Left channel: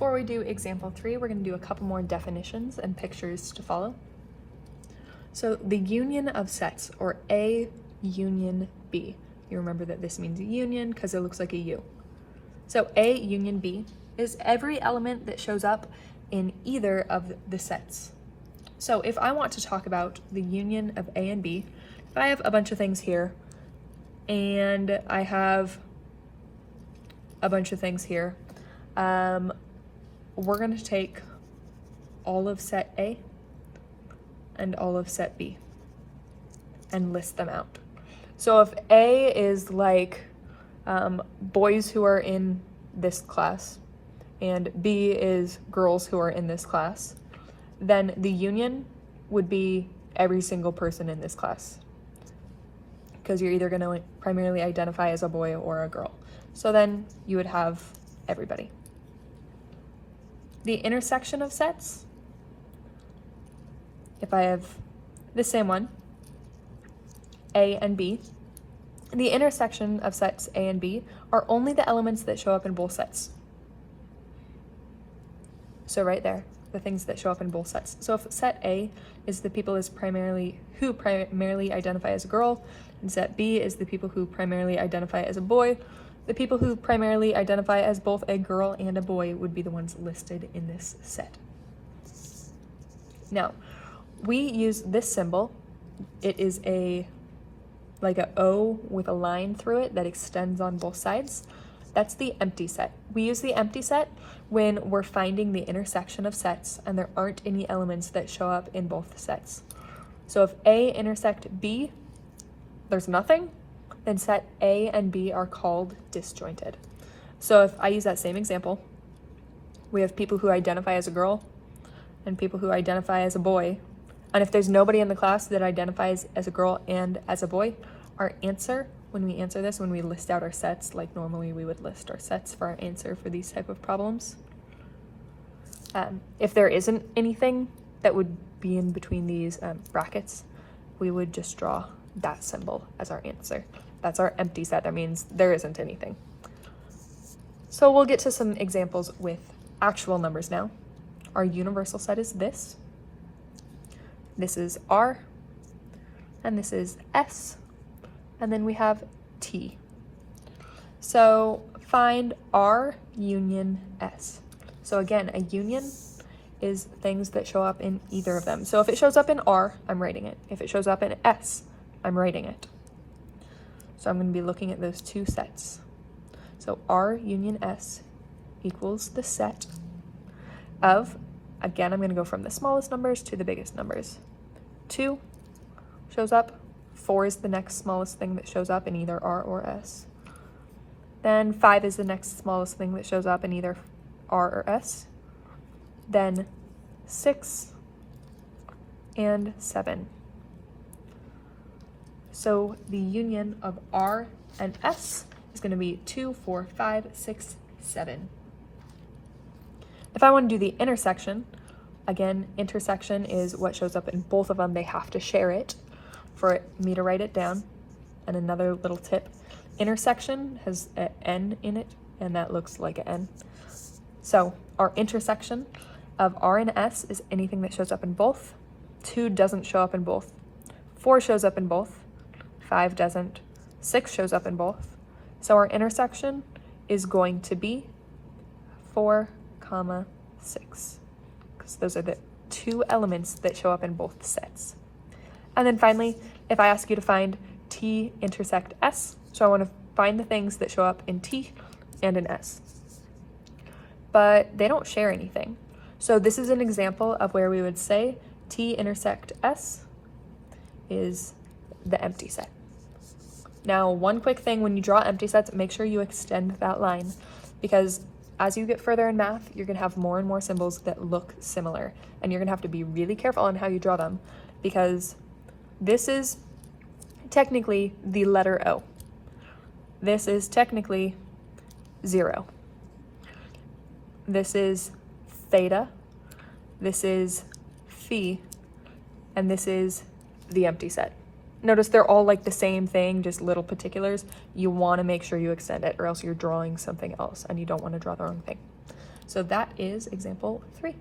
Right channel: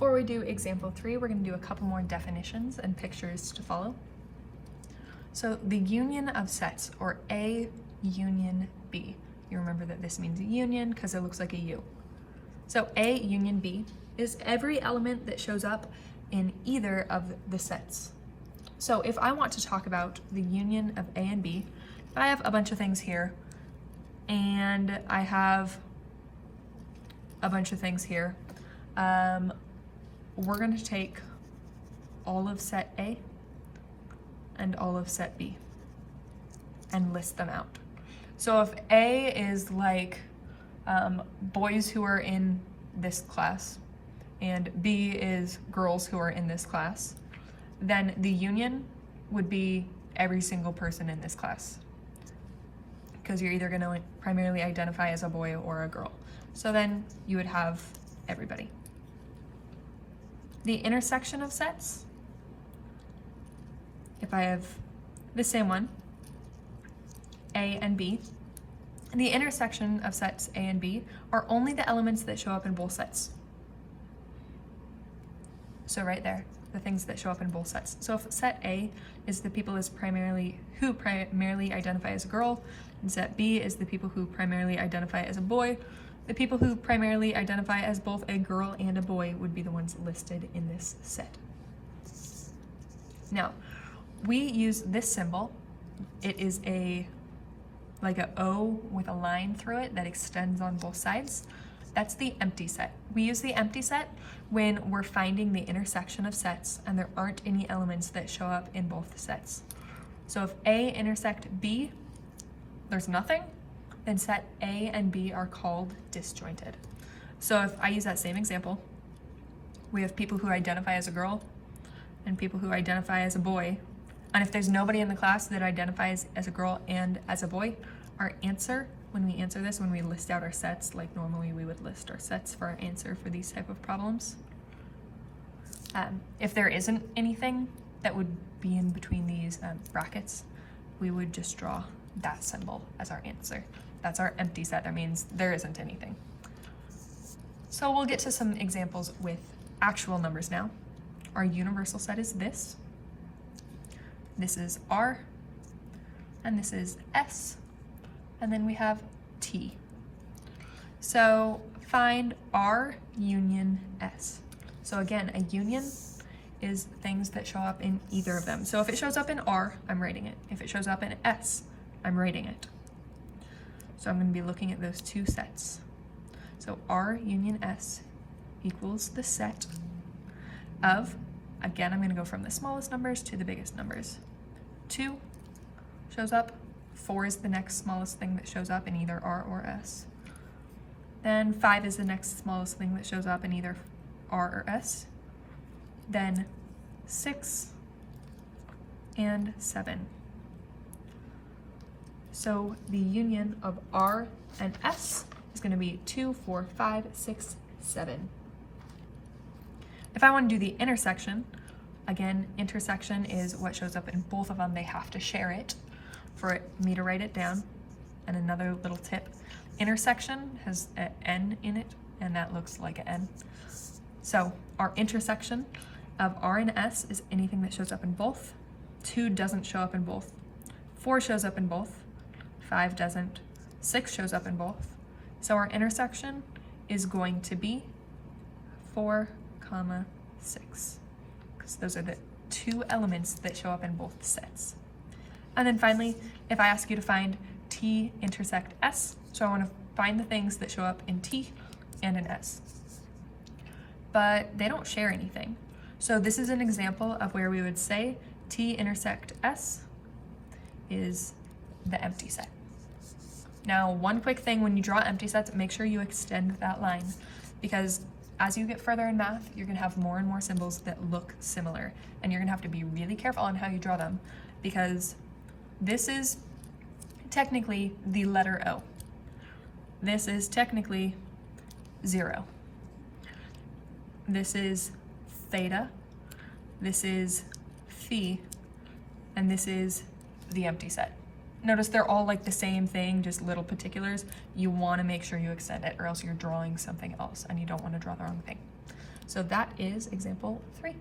before we do example 3, we're going to do a couple more definitions and pictures to follow. So the union of sets, or A union B. You remember that this means a union because it looks like a U. So A union B is every element that shows up in either of the sets. So if I want to talk about the union of A and B, if I have a bunch of things here, and I have a bunch of things here, we're going to take all of set A and all of set B and list them out. So if A is like boys who are in this class, and B is girls who are in this class, then the union would be every single person in this class, because you're either going to primarily identify as a boy or a girl. So then you would have everybody. The intersection of sets, if I have the same one, A and B, the intersection of sets A and B are only the elements that show up in both sets. So right there, the things that show up in both sets. So if set A is the people who primarily identify as a girl, and set B is the people who primarily identify as a boy, the people who primarily identify as both a girl and a boy would be the ones listed in this set. Now, we use this symbol. It is like a O with a line through it that extends on both sides. That's the empty set. We use the empty set when we're finding the intersection of sets and there aren't any elements that show up in both sets. So if A intersect B, there's nothing, then set A and B are called disjointed. So if I use that same example, we have people who identify as a girl and people who identify as a boy. And if there's nobody in the class that identifies as a girl and as a boy, our answer, when we answer this, when we list out our sets, like normally we would list our sets for our answer for these type of problems. If there isn't anything that would be in between these brackets, we would just draw that symbol as our answer. That's our empty set. That means there isn't anything. So we'll get to some examples with actual numbers now. Our universal set is this. This is R, and this is S, and then we have T. So find R union S. So again, a union is things that show up in either of them. So if it shows up in R, I'm writing it. If it shows up in S, I'm writing it. So I'm going to be looking at those two sets. So R union S equals the set of, again, I'm going to go from the smallest numbers to the biggest numbers. 2 shows up. 4 is the next smallest thing that shows up in either R or S. Then 5 is the next smallest thing that shows up in either R or S. Then 6 and 7. So the union of R and S is going to be 2, 4, 5, 6, 7. If I want to do the intersection, again, intersection is what shows up in both of them. They have to share it for me to write it down. And another little tip, intersection has an N in it, and that looks like an N. So our intersection of R and S is anything that shows up in both. 2 doesn't show up in both. 4 shows up in both. 5 doesn't. 6 shows up in both. So our intersection is going to be 4, 6, because those are the 2 elements that show up in both sets. And then finally, if I ask you to find T intersect S, so I want to find the things that show up in T and in S. But they don't share anything. So this is an example of where we would say T intersect S is the empty set. Now, one quick thing, when you draw empty sets, make sure you extend that line, because as you get further in math, you're going to have more and more symbols that look similar, and you're going to have to be really careful on how you draw them, because this is technically the letter O. This is technically 0. This is theta, this is phi, and this is the empty set. Notice they're all like the same thing, just little particulars. You want to make sure you extend it, or else you're drawing something else and you don't want to draw the wrong thing. So that is example 3.